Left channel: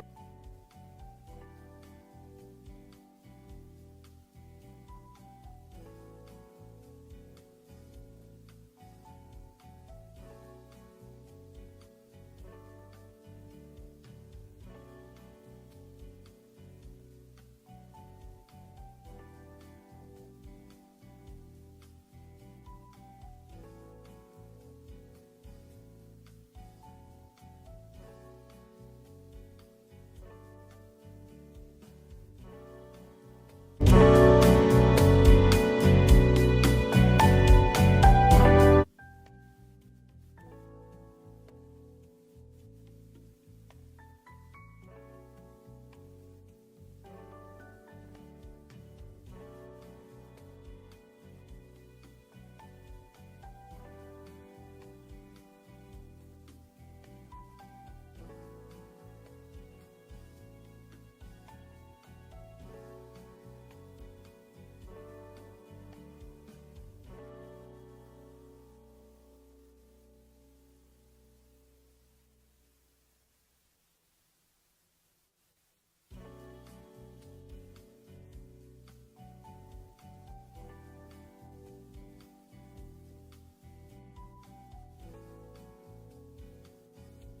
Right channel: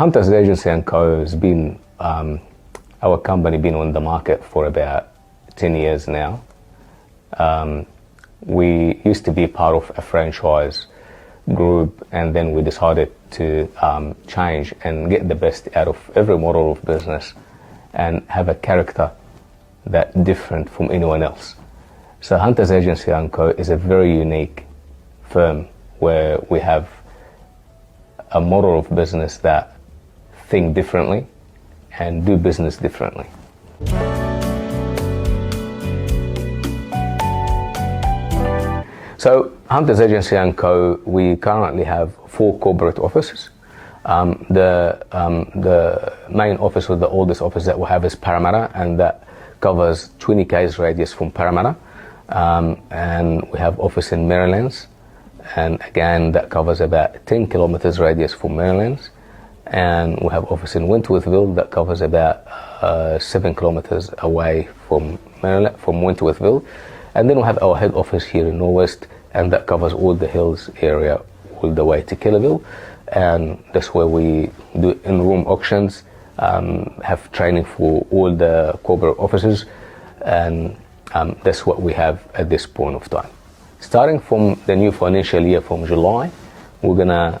Hunters Agency & Co. has been, our company been on the market for about 10 years now. We used to be part of a franchise group, and then we decided to change and get the best out of every model of business and have a character that's different from anyone else. So Hunters Agency & Co. is a very unique firm where we have a model of business that think differently and do business differently. So Hunters Agency & Co., we currently have 4 corporate offices. The main office, or the oldest office that we have, is Parramatta, and that covers 20 k's radius from Parramatta. And we have office in Merrylands, and again that covers about 10 kilometers radius from Merrylands. And we have office in Wentworthville that covers about 7 kilometers away from Wentworthville. And then we have our head office here in Norwest, and that covers all the hills area all the way to Kellerville. And that's where we do in-room auctions, have training for all the corporate offices, and that's what we have at this point of time. Starting from the new financial year, from July, we're gonna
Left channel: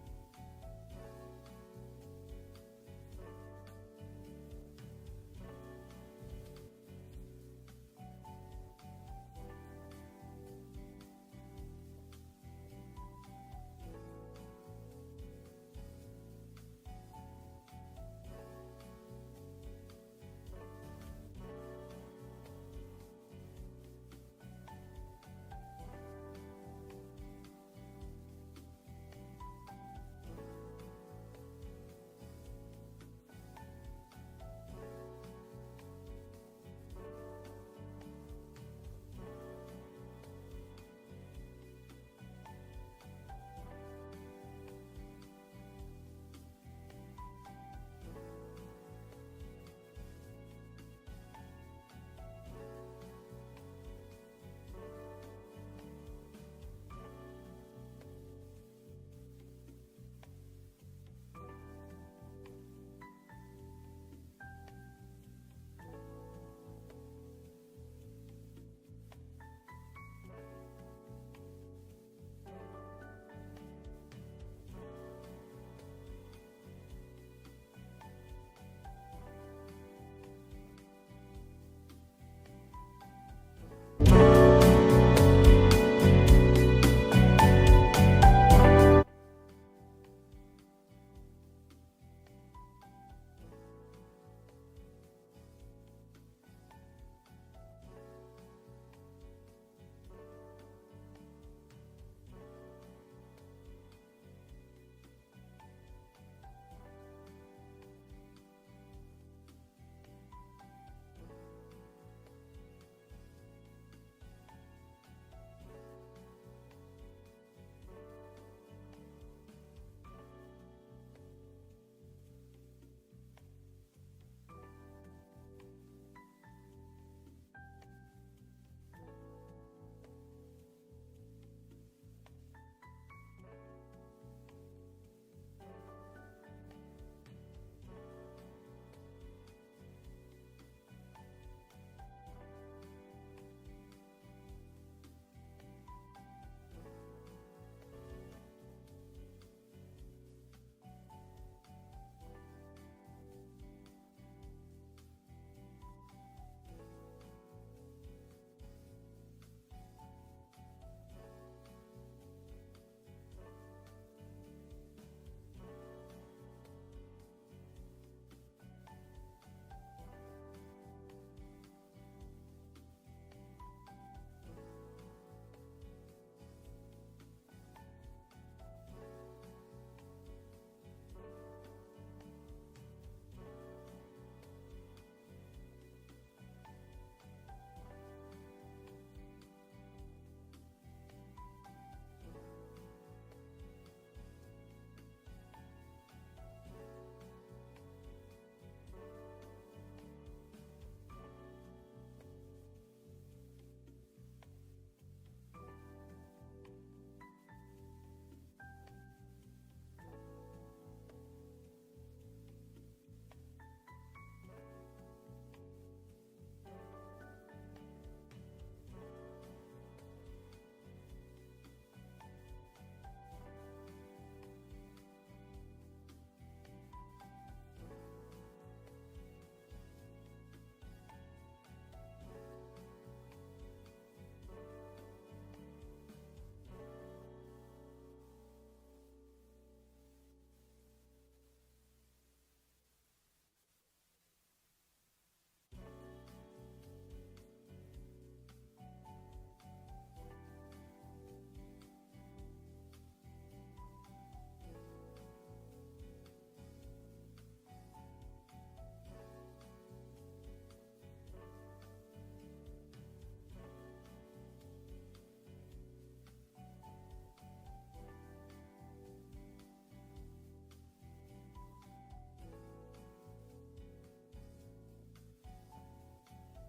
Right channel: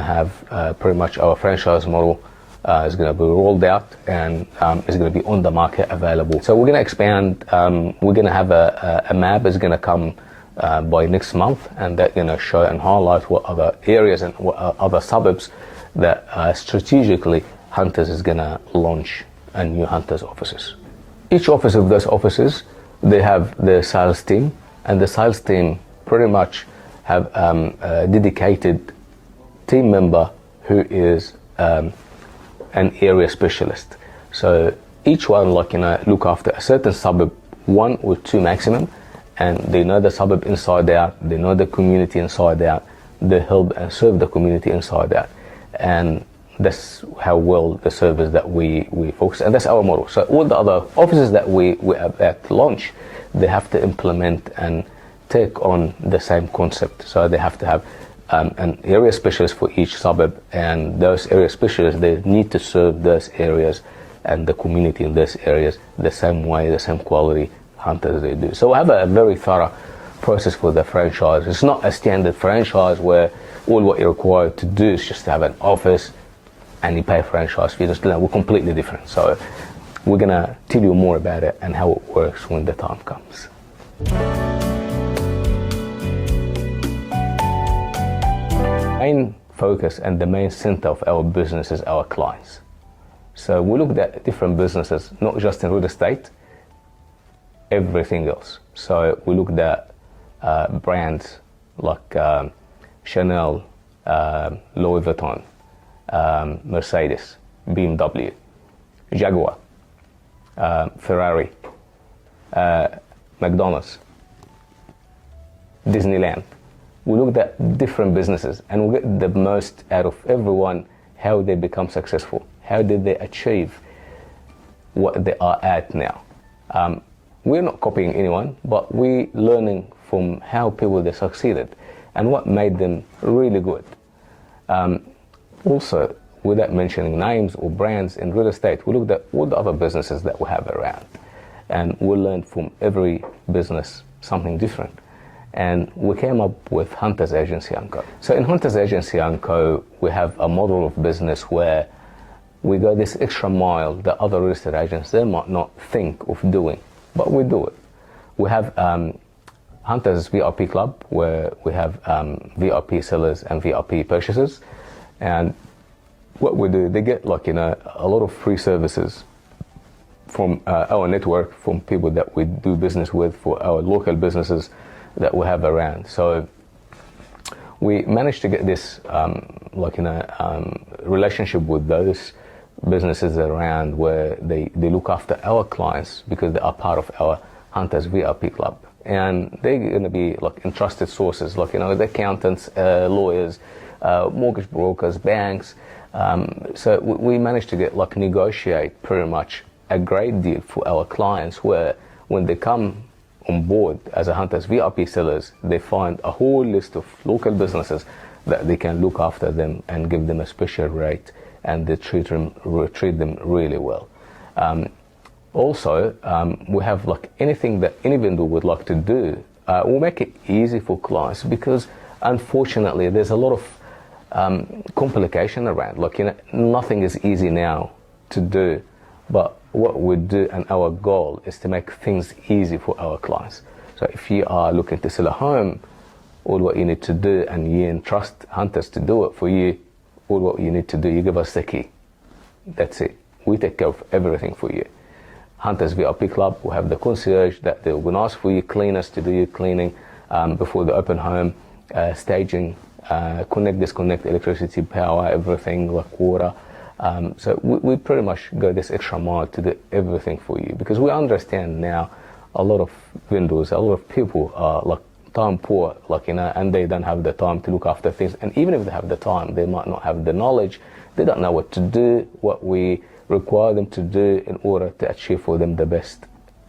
have pretty much our franchise model is going to be rolled out, and is going to be on the market available. So we're going to expand. We're going to have a map is going to come by next month, and that's going to show and highlight what other areas and what other suburbs that strategically Hunters is going to launch a new Hunters offices. Each office of those offices, they have their sales team, and the sales team pretty much have a dedicated team member who is an area specialist. So each one look after a certain suburb, 1 or 2 maximum, and they know the suburb inside out, they know the community inside out, they help and serve the community inside out. And that's how well the service that we focus, and that's our model. So all the other offices that we have at launch, they have to implement and take on the same concept. So they have to have an area specialist for each suburb, and those area specialists, they need to serve those areas and the community in those areas the same way, the same quality Hunters they do. So we have a very thorough process for the franchise. It's not a standard franchise where all what you're required to do is just to have an office and you pay franchise fees. We're completely different. So we're gonna tell you more about it and how it works when the time comes. Main focus and the main center of our business is our clients. So we looked at different businesses, not just in real estate, everything else. So we looked at brands like Chanel, Louis Vuitton, Mercedes, BMW, Jaguar, Ferrari, McDonald's, Disneyland. We looked at different businesses and we get the most out of everyone, how they become successful, how did they achieve what they are at now. We're not copying anyone, but we're learning from how people they succeeded and what made them really good. Also, without mentioning names or brands in real estate, we looked at all the other businesses that we have around, and we learned from every business something different. And we came up with Hunters Agency & Co. So in Hunters Agency & Co, we have a model of business where we go this extra mile that other real estate agents, they might not think of doing, but we do it. We have Hunters VIP Club, where we have VIP sellers and VIP purchasers. And what we do, they get a lot of free services from our network, from people that we do business with, for our local businesses that we have around. So we managed to get this relationship with those businesses around, where they look after our clients because they are part of our Hunters VIP Club. And they're going to be entrusted sources, the accountants, lawyers, mortgage brokers, banks. So we managed to get negotiate pretty much a great deal for our clients, where when they come on board as a Hunters VIP sellers, they find a whole list of local businesses that they can look after them and give them a special rate, and they treat them really well. Also, we have like anything that any vendor would like to do, we'll make it easy for clients, because unfortunately there's a lot of complication around. Like, nothing is easy now to do, but what we do and our goal is to make things easy for our clients. So if you are looking to sell a home, all what you need to do, and you entrust hunters to do it for you, all what you need to do, you give us the key. That's it. We take care of everything for you. Hunters VIP Club will have the concierge that they will ask for you, cleaners to do your cleaning before the open home, staging, connect, disconnect, electricity, power, everything, like water. So we pretty much go this extra mile to do everything for you, because we understand now a lot of vendors, a lot of people are like time poor, like, and they don't have the time to look after things. And even if they have the time, they might not have the knowledge. They don't know what to do, what we require them to do in order to achieve for them the best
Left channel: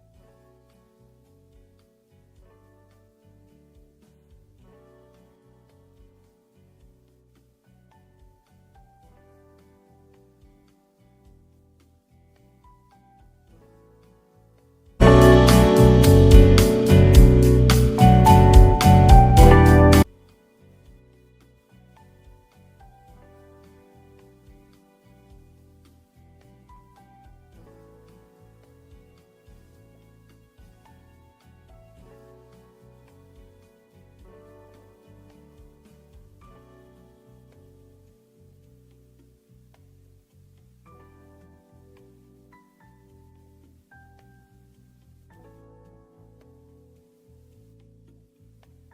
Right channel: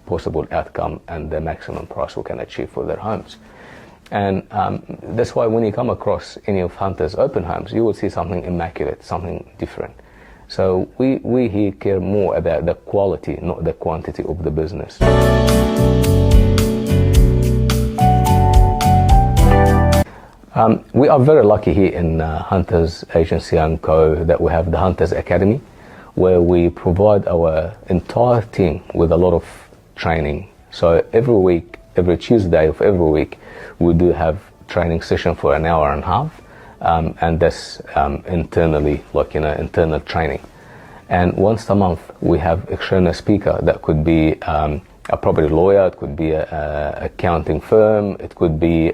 possible outcome and the maximum price we can achieve for their homes. And that's why when you come across any of Hunter's open homes, you will see something immaculate, something different. So we here care more about the quality, not the quantity of the business. We are very lucky here in Hunters Agency & Co. that we have the Hunters Academy, where we provide our entire team with a lot of training. So every week, every Tuesday of every week, we do have training session for an hour and a half, and that's internally, like, internal training. And once a month, we have external speaker that could be a property lawyer, it could be a accounting firm, it could be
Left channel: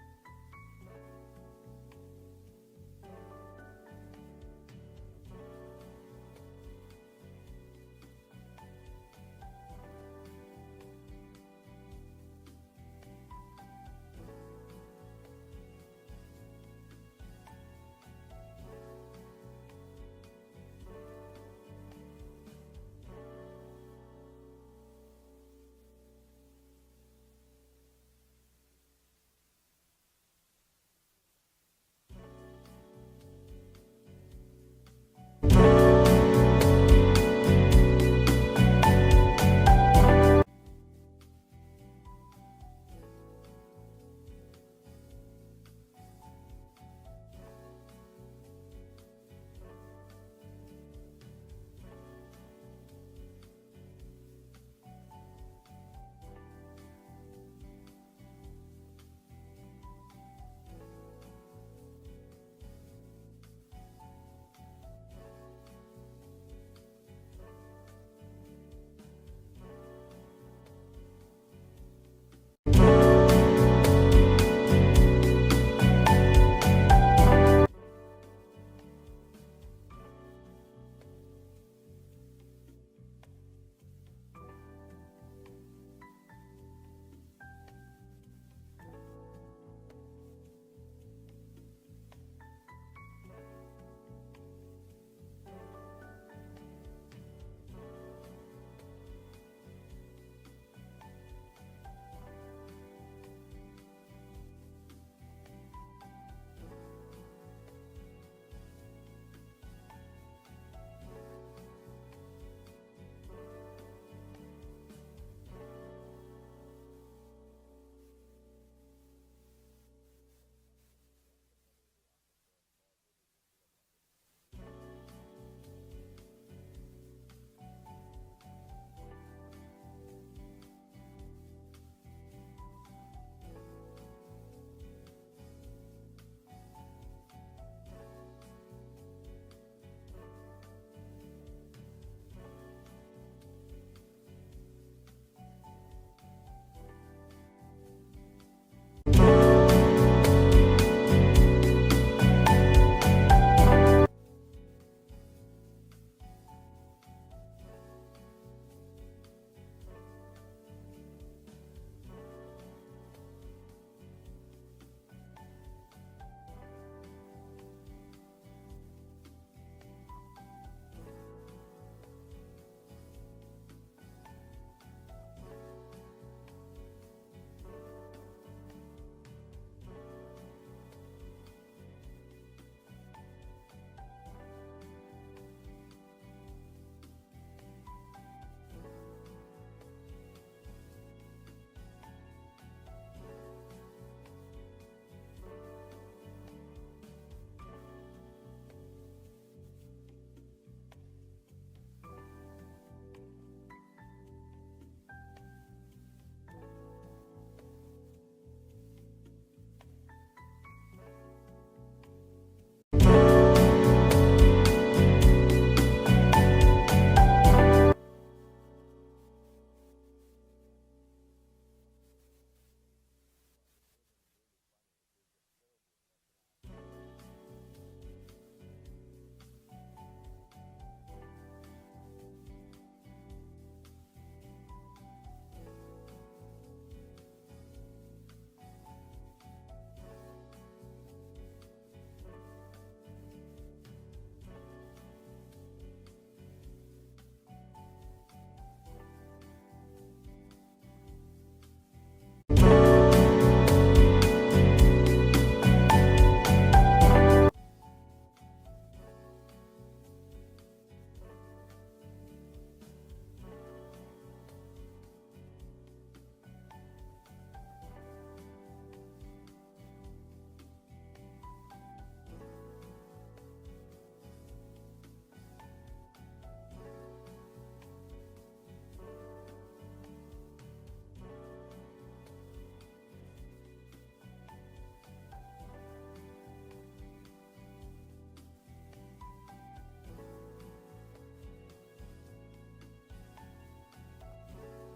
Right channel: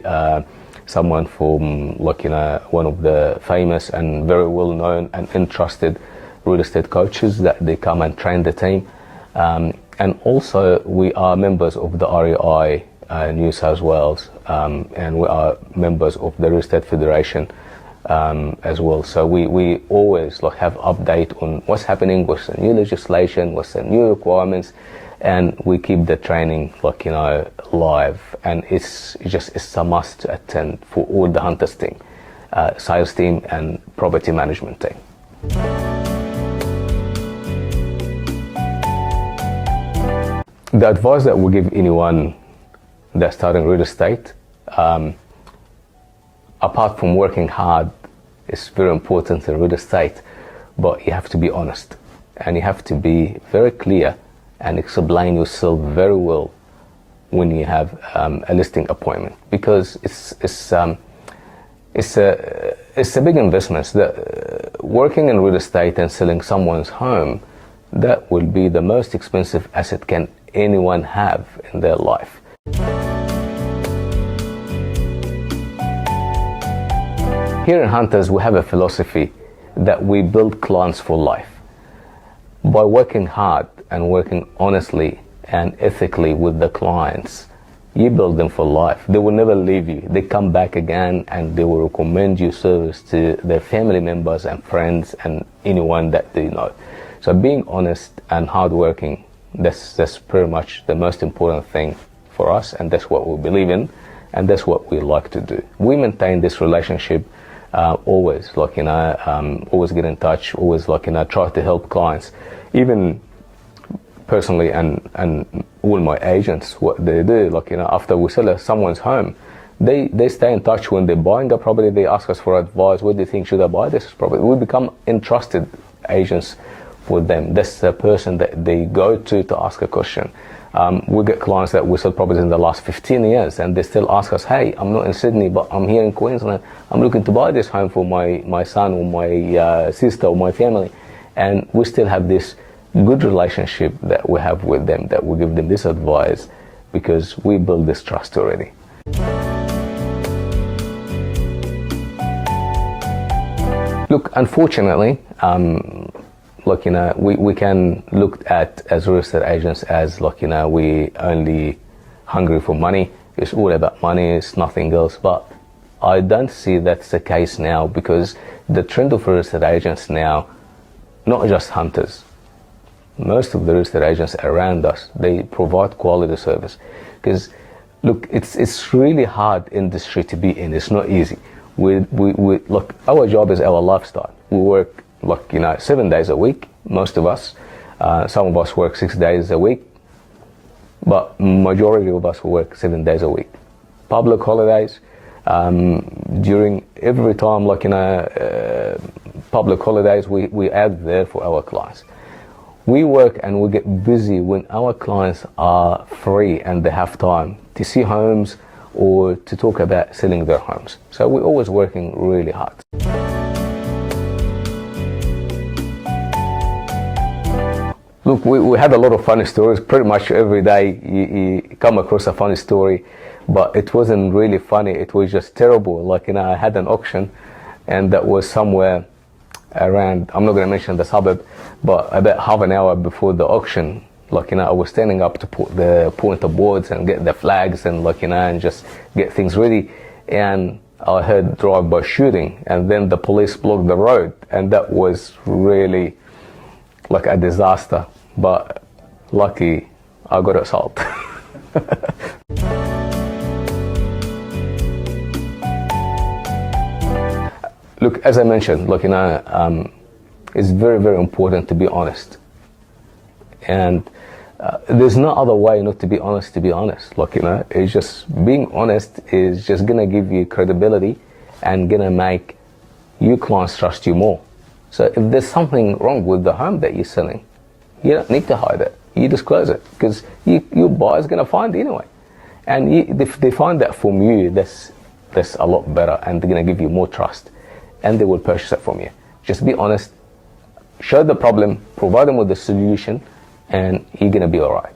someone from, like, one of the famous and very well known and entrusted real estate coaches that they come and train the team. And also we are members of the REI New South Wales, and we are members of the Real Estate Federation as well. So we always like have update on what's happening, what's the new legislation, what's the new requirements, and we keep the training, like, live. And it's a must to attend for all the Hunters team, sales team and property management team. The advice that we give anyone that's starting real estate, apart from working hard, it's very important in real estate, but you have to be honest, and you have to be very clear and explain yourself very well when you have a listing appointment, because it's a big investment. Working in real estate and selling someone's home, that will be the most expensive asset can anyone have in their life. Here in Hunters, we have a philosophy that we build clients for life. By working hard and working honestly and ethically with the clients, you build them for life. They will never leave you. They come back again and they will recommend your service to their family members and friends and anyone that they know. So being honest and hardworking, that's pretty much the most important thing for us, and that's what we believe in, and that's what we like to do. We maintain this relationship always, like, always get in touch, always, like, try to help clients. Even personally, and all my agents, what they do, like, after we sell someone's home, they stay in touch. When they're buying a property, they ask us for advice. What do you think? Should I buy this property? We become entrusted agents for them. That's the person that they go to ask a question. We get clients that we sell properties in the last 15 years, and they still ask us, hey, I'm not in Sydney, but I'm here in Queensland. I'm looking to buy this home for my son or my sister or my family. And we still have this good relationship that we have with them, that we give them this advice, because we build this trust already. Look, unfortunately, like, we can look at as real estate agents as, like, we only hungry for money. It's all about money, it's nothing else. But I don't see that's the case now, because the trend of real estate agents now, not just Hunters, most of the real estate agents around us, they provide quality service. Because look, it's really hard industry to be in. It's not easy. We look, our job is our lifestyle. We work 7 days a week, most of us. Some of us work 6 days a week, but majority of us work 7 days a week. Public holidays, during every time, public holidays, we add there for our clients. We work and we get busy when our clients are free and they have time to see homes or to talk about selling their homes. So we're always working really hard. Look, we had a lot of funny stories. Pretty much every day you come across a funny story, but it wasn't really funny. It was just terrible. I had an auction, and that was somewhere around, I'm not going to mention the suburb, but about half an hour before the auction, I was standing up to put the pointer boards and get the flags and and just get things ready, and I heard drive-by shooting, and then the police blocked the road, and that was really like a disaster. But lucky I got assaulted. Look, as I mentioned, it's very, very important to be honest. And there's no other way not to be honest, It's just being honest is just going to give you credibility and going to make your clients trust you more. So if there's something wrong with the home that you're selling, you don't need to hide it. You disclose it, because your buyer's going to find it anyway. And if they find that from you, that's a lot better, and they're going to give you more trust, and they will purchase it from you. Just be honest, show the problem, provide them with the solution, and you're going to be all right.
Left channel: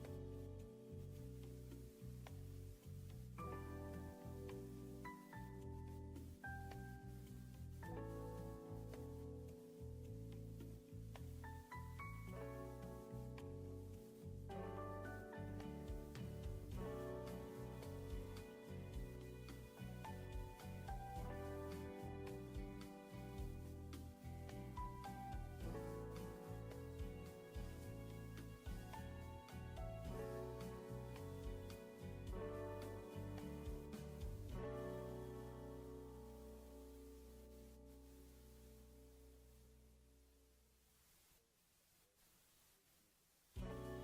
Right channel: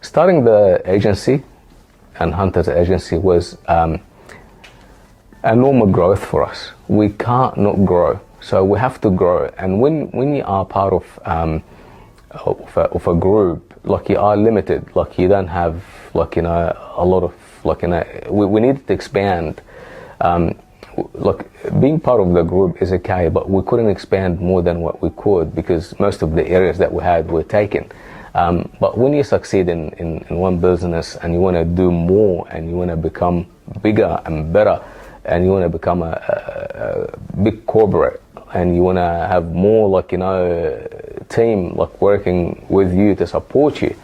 Starting the agency and Hunter's agency was a normal growth for us. We can't not grow, so we have to grow. And when you are part of a group, you are limited. You don't have a lot of we need to expand. Being part of the group is okay, but we couldn't expand more than what we could, because most of the areas that we had were taken. But when you succeed in one business and you want to do more and you want to become bigger and better, and you want to become a big corporate, and you want to have more team working with you to support you.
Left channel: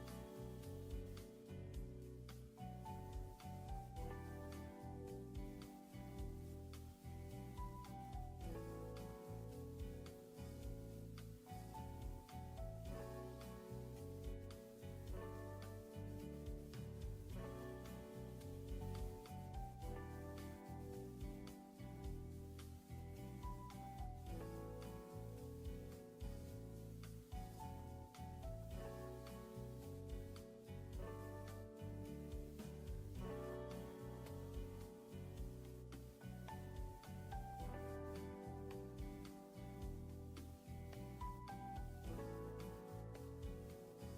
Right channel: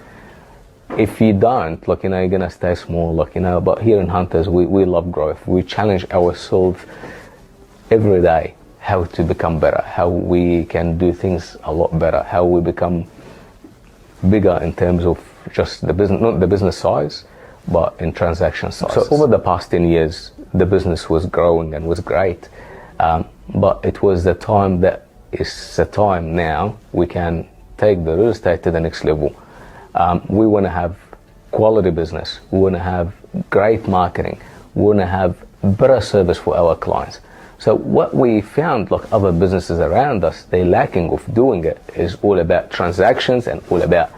If you don't, you're gonna stay small, But here in Hunters, we love growth. We challenge ourselves every day how to become better, how we can do things a lot better, how we become bigger in terms of just the business, not the business size, but in transaction size. So over the past 10 years, the business was growing and was great, but it was the time that is the time now we can take the real estate to the next level. We want to have quality business. We want to have great marketing. We want to have better service for our clients. So what we found, other businesses around us, they're lacking of doing it, is all about transactions and all about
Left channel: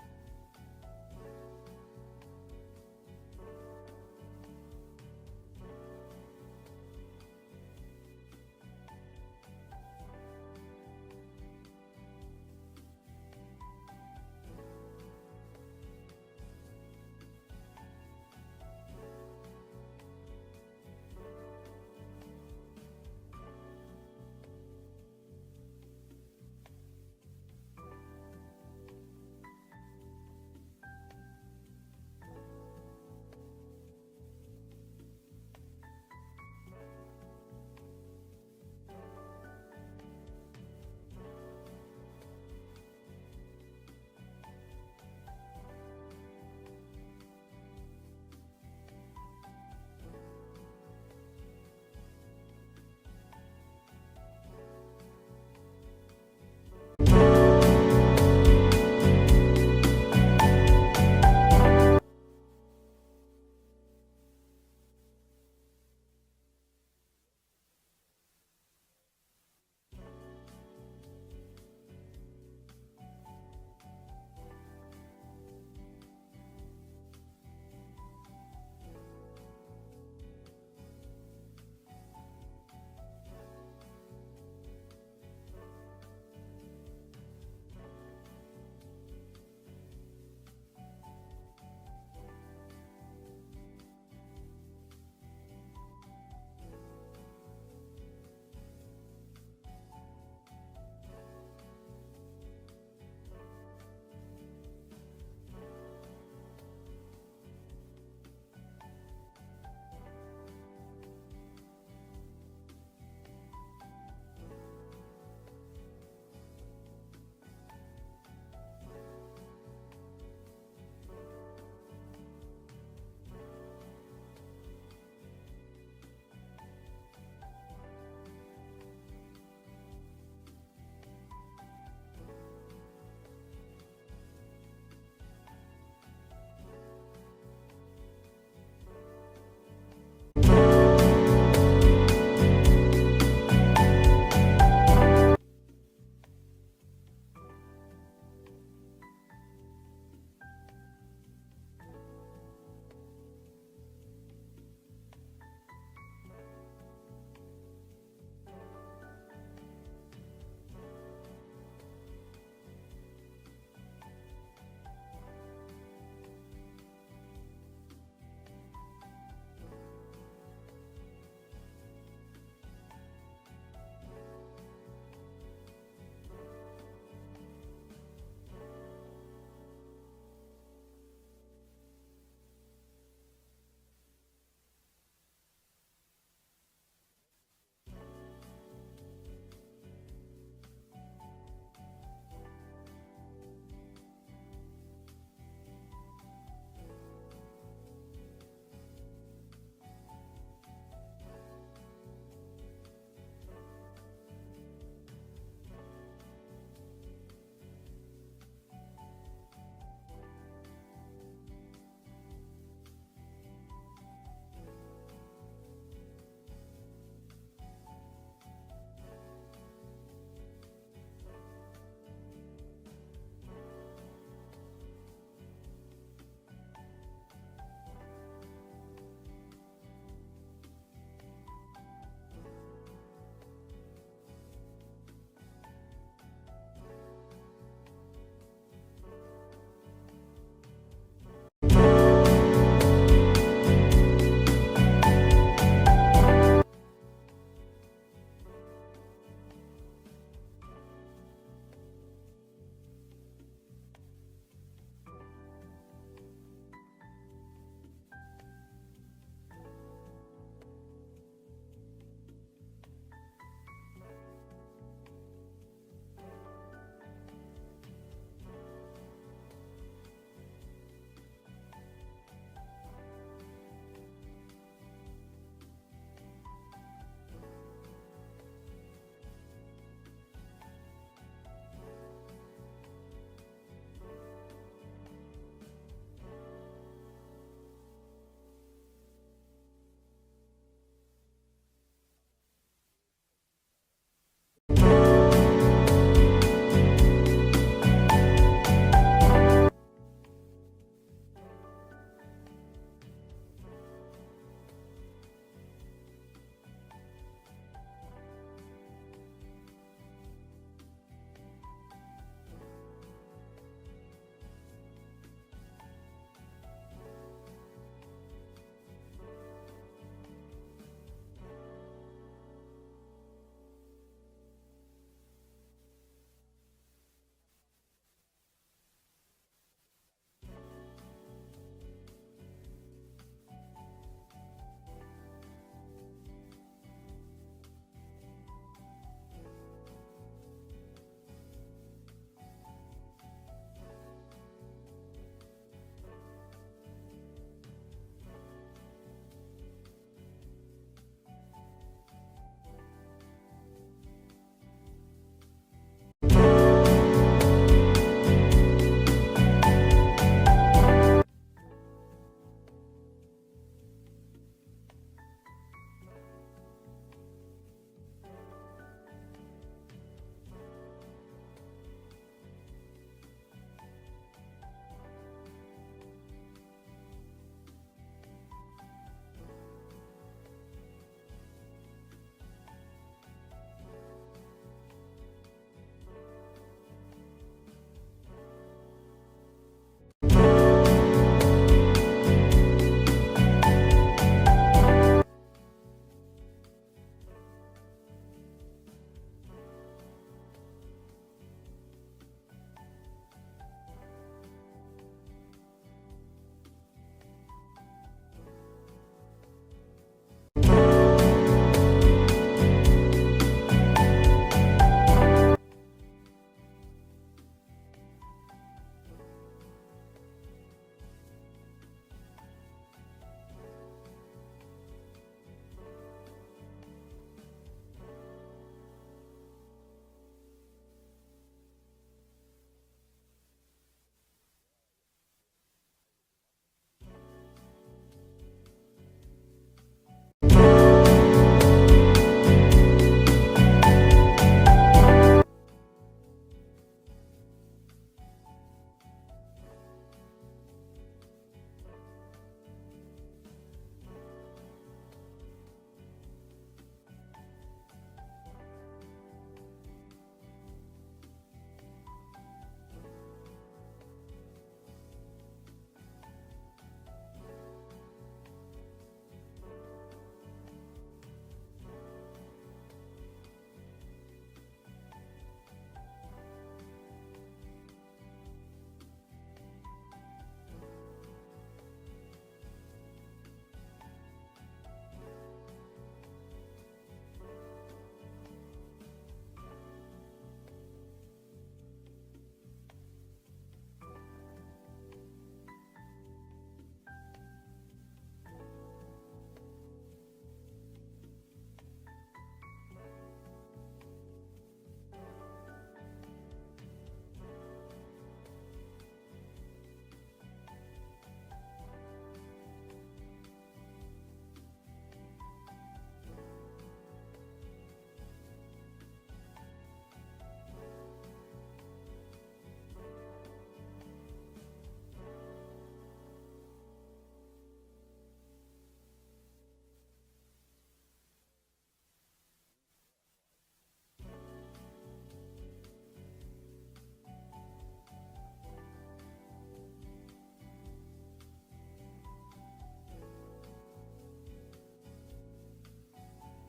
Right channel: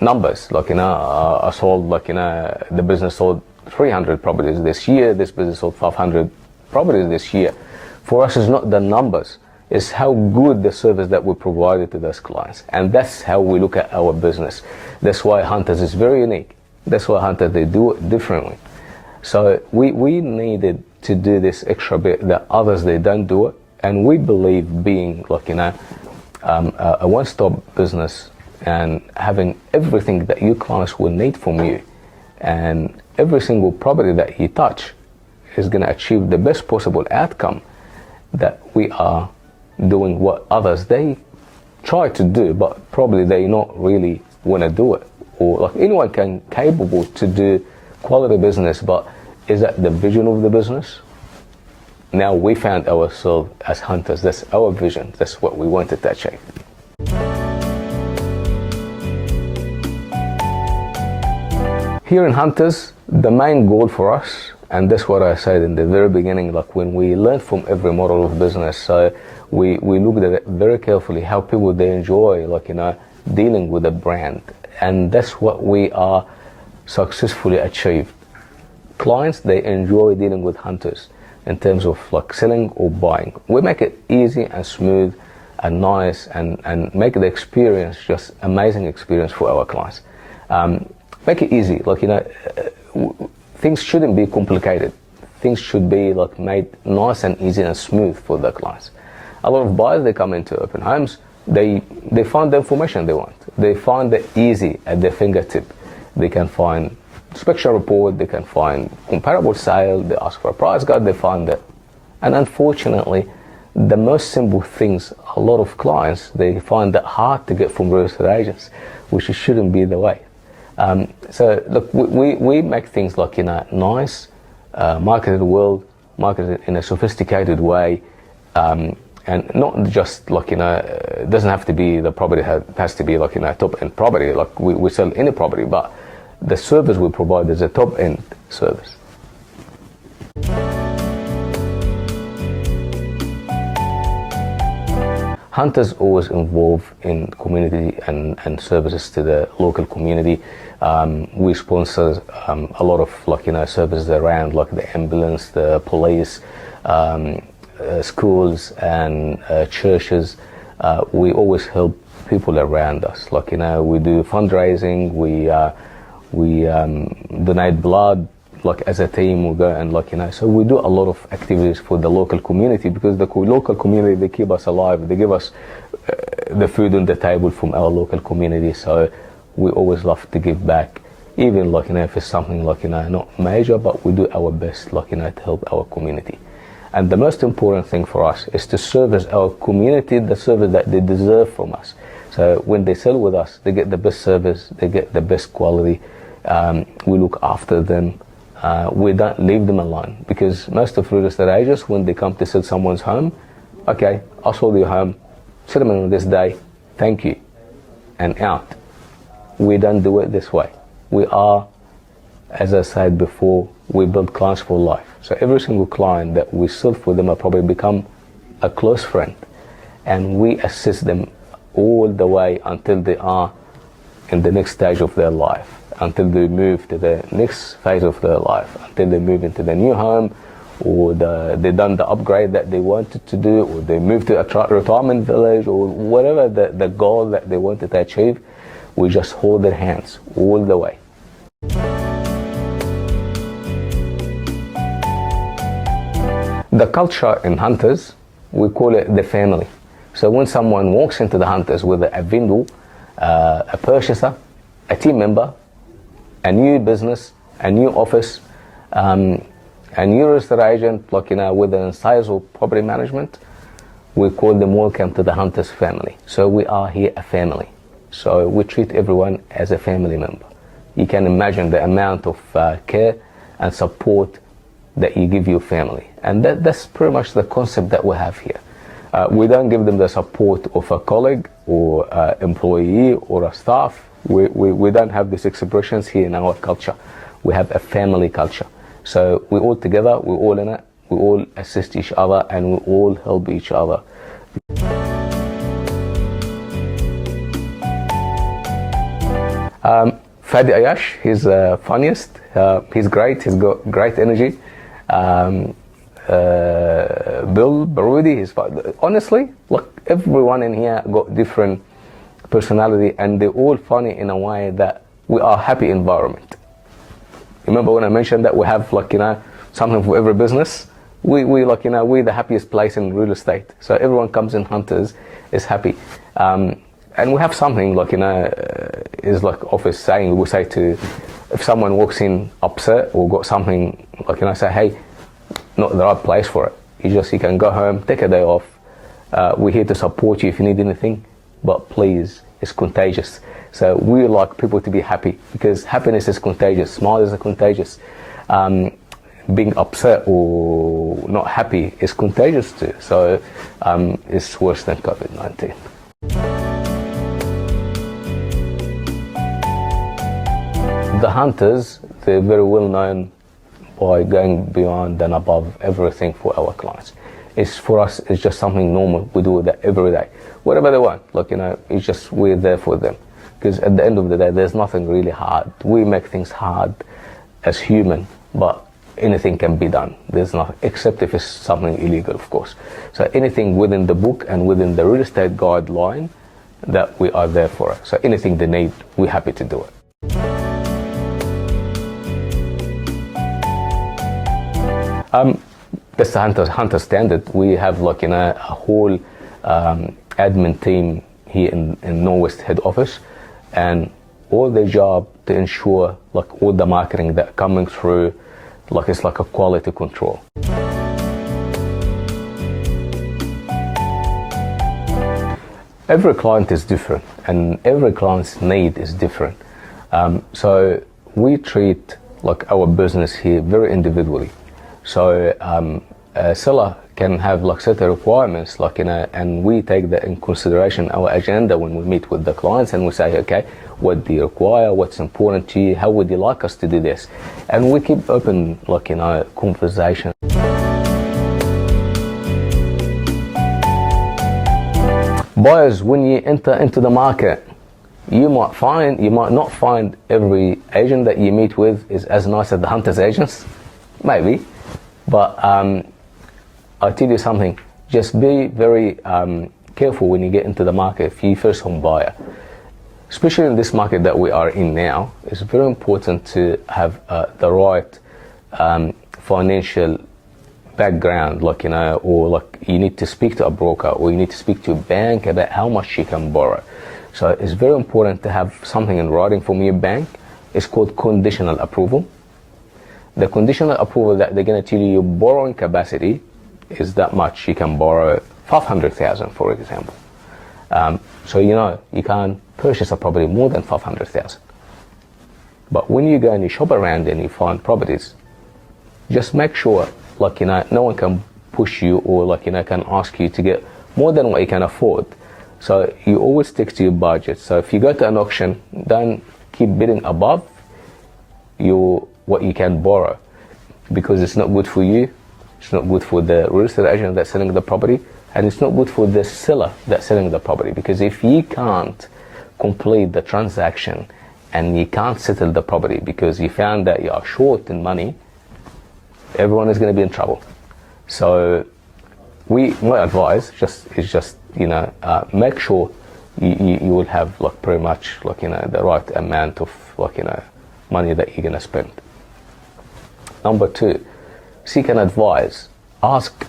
numbers. I sold, the business sold 300 properties this year. This business sold 500 properties this year. For us, it's not the numbers. It's how good the service that we provided to those clients. And that's how we look at our business. That's why Hunters is very unique. That's why Hunters, they do it differently. So we needed to do this extra bit that others, they don't do it. And we believe being a one-stop business and having everything that your clients will need from you, and every single property that you touch is going to achieve the best possible outcome, that we are doing what others, they try to do, but probably they not really want to do it. Or anyone can capable to do quality business, but is that the vision of the business? Now we found ourselves as Hunters. That's our vision. That's what we wanted to achieve. Here in Hunters, the main goal for us, and that's what I said in the very beginning, when we learn from every model of business, so we looked at it very carefully, how people, they enjoy, dealing with a brand. And that's what we are successfully achieved. Clients, they enjoy dealing with Hunters in terms of selling or buying. We make it easy and smooth and nice, and make the experience just amazing experience for our clients. Make it easy. Like, things shouldn't be complicated. Things should be like made nice and easy and smooth for the clients. A lot of buyers, they come into open homes, they find the information they want. They find it easy at their fingertip. They can find inspection report, they can find comparable sale, they ask for a price guide, they find it. And unfortunately, the most simple things, a lot of clients, they find that hard to get from real estate agents, which shouldn't be the way. So look, we make things like in a nice, marketed world, marketed in a sophisticated way, and not just like it doesn't have to be the property has to be like a top-end property. Like we sell any property, but the service we provide is a top-end service. Hunters always involved in community and services to the local community. We sponsor a lot of services around, like the ambulance, the police, schools and churches. We always help people around us. We do fundraising. We donate blood. Like as a team, we go and so we do a lot of activities for the local community, because the local community, they keep us alive. They give us the food on the table from our local community. So we always love to give back, even if it's something not major, but we do our best to help our community. And the most important thing for us is to service our community the service that they deserve from us. So when they sell with us, they get the best service, they get the best quality. We look after them. We don't leave them alone, because most of real estate agents, when they come to sell someone's home, okay, I sold your home, settlement on this day, thank you, and out. We don't do it this way. We are, as I said before, we build clients for life. So every single client that we sell for them will probably become a close friend, and we assist them all the way until they are in the next stage of their life, until they move to the next phase of their life, until they move into the new home, or they done the upgrade that they wanted to do, or they move to a retirement village, or whatever the goal that they wanted to achieve. We just hold their hands all the way. The culture in Hunters, we call it the family. So when someone walks into the Hunters with a vendor, a purchaser, a team member, a new business, a new office, a new real estate agent, within sales or property management, we call them welcome to the Hunters family. So we are here a family. So we treat everyone as a family member. You can imagine the amount of care and support that you give your family. And that's pretty much the concept that we have here. We don't give them the support of a colleague or employee or a staff. We don't have these expressions here in our culture. We have a family culture. So we're all together, we're all in it, we all assist each other, and we all help each other. Fadi Ayash, he's funniest, he's great, he's got great energy. Bill Barudi, honestly, look, everyone in here got different personality, and they're all funny in a way that we are a happy environment. Remember when I mentioned that we have something for every business? We're the happiest place in real estate. So everyone comes in Hunters is happy. And we have something is like office saying, we say to, if someone walks in upset or got something, say, hey, not the right place for it. You can go home, take a day off. We're here to support you if you need anything, but please, it's contagious. So we like people to be happy, because happiness is contagious, smiles are contagious. Being upset or not happy is contagious too. So it's worse than COVID-19. The Hunters, they're very well known by going beyond and above everything for our clients. For us, it's just something normal. We do that every day. Whatever they want, it's just we're there for them. Because at the end of the day, there's nothing really hard. We make things hard as human, but anything can be done. There's not, except if it's something illegal, of course. So anything within the book and within the real estate guideline, that we are there for it. So anything they need, we're happy to do it. That's the hunter standard. We have like a whole admin team here in Norwest head office, and all their job to ensure like all the marketing that coming through, like it's like a quality control. Every client is different, and every client's need is different. So we treat like our business here very individually. So a seller can have like certain requirements, like and we take that in consideration our agenda when we meet with the clients, and we say, okay, what do you require? What's important to you? How would you like us to do this? And we keep open, like conversation. Buyers, when you enter into the market, you might not find every agent that you meet with is as nice as the hunter's agents, maybe, but I'll tell you something, just be very careful when you get into the market if you're first home buyer. Especially in this market that we are in now, it's very important to have the right financial background, like or like you need to speak to a broker, or you need to speak to a bank about how much you can borrow. So it's very important to have something in writing from your bank. It's called conditional approval. The conditional approval that they're going to tell you your borrowing capacity is that much. You can borrow 500,000, for example. So you can't purchase a property more than 500,000. But when you go and you shop around and you find properties, just make sure, like no one can push you, or like can ask you to get more than what you can afford. So you always stick to your budget. So if you go to an auction, don't keep bidding above what you can borrow, because it's not good for you, it's not good for the real estate agent that's selling the property, and it's not good for the seller that's selling the property, because if you can't complete the transaction and you can't settle the property because you found that you are short in money, everyone is going to be in trouble. So my advice is just make sure you will have like pretty much like the right amount of like money that you're going to spend. Number 2, seek an advice. Ask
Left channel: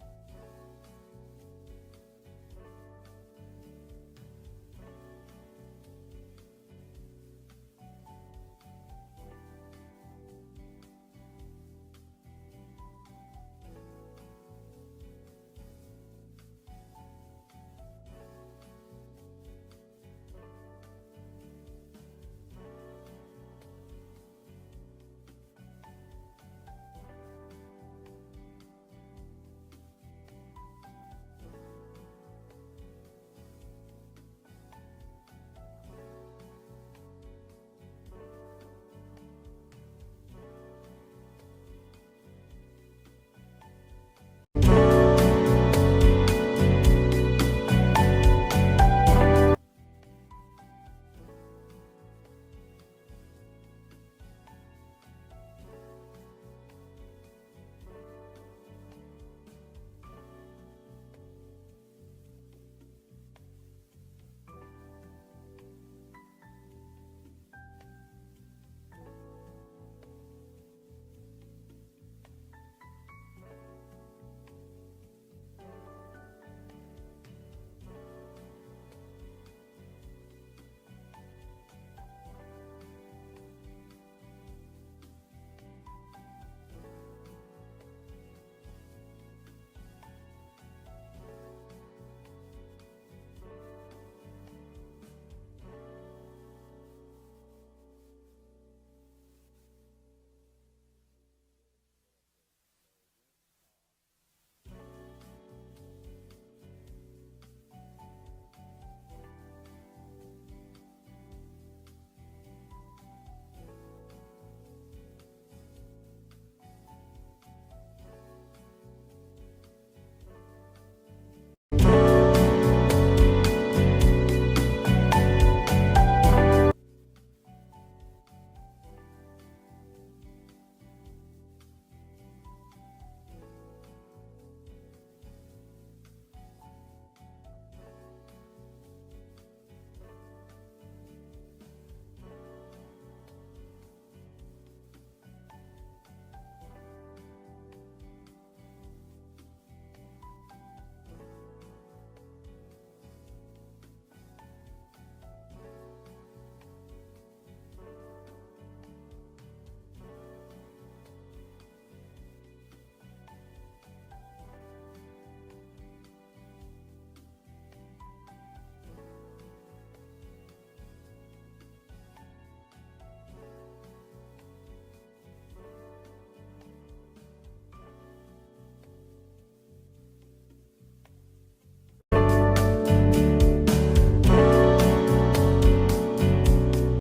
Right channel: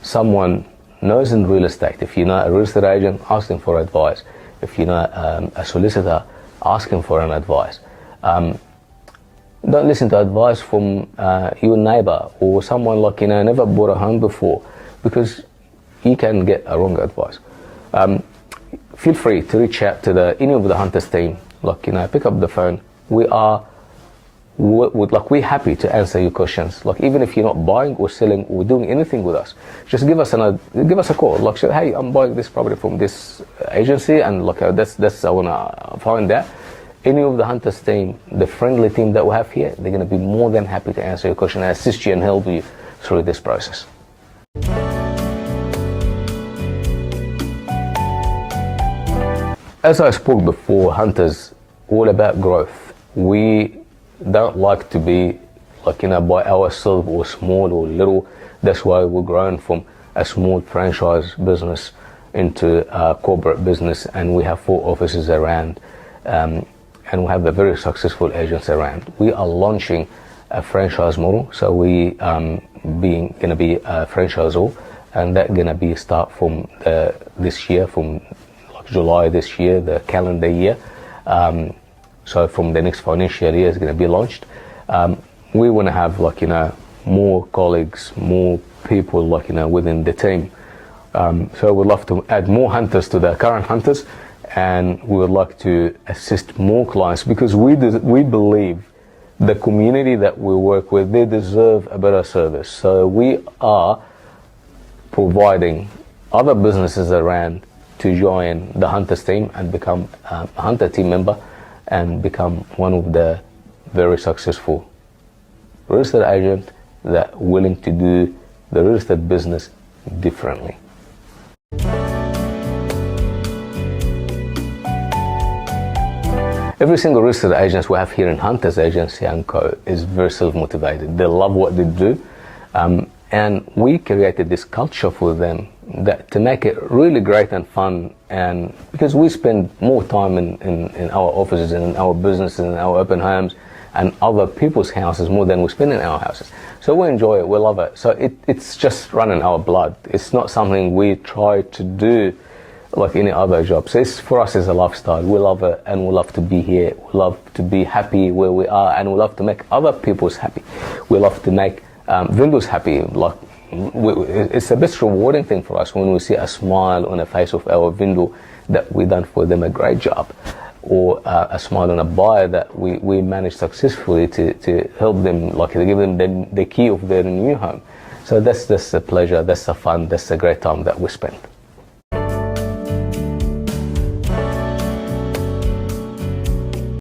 someone knows in real estate. If you know a real estate agent, ask them for advice. If you know a solicitor, ask him for an advice. Don't listen to advice from your neighbor or someone like never bought a home before, because you can get a wrong advice. Feel free to reach out to any of the hunters team. Like pick up the phone. We're happy to answer your questions. Like even if you're not buying or selling or doing anything with us, just give us a call. Like say, hey, I'm buying this property from this agency, and like that's I wanna find that. Any of the hunters team, the friendly team that we have here, they're going to be more than happy to answer your question and assist you and help you through this process. As I spoke before, hunters, all about growth. We don't like to be like by ourselves or small or little. That's why we're growing from a small franchise business into a corporate business, and we have 4 offices around. And we have a very successful agents around. We are launching a franchise model, so we going to be a franchisor, and that's going to be start from this year, from like July this year, the calendar year. So from the next financial year is going to be launched. We want to have like more colleagues, more people like within the team. So we'd love to add more hunters to the current hunters. And we would like to assist more clients, because we believe the community that we work with, they deserve a better service. So we are providing other businesses around to join the Hunters team and become a Hunter team member and become one of the very successful real estate agents that are willing to do the real estate business differently. Every single real estate agent we have here in Hunters Agency & Co. is very self-motivated. They love what they do. And we created this culture for them that to make it really great and fun, and because we spend more time in our offices and in our businesses and our open homes and other people's houses more than we spend in our houses. So we enjoy it, we love it. So it's just running our blood. It's not something we try to do like any other job. So for us, it's a lifestyle. We love it, and we love to be here. We love to be happy where we are, and we love to make other people's happy. We love to make vendors happy. Like it's the best rewarding thing for us when we see a smile on the face of our vendor that we done for them a great job, or a smile on a buyer that we managed successfully to help them, like to give them the key of their new home. So that's the pleasure, that's the fun, that's the great time that we spend.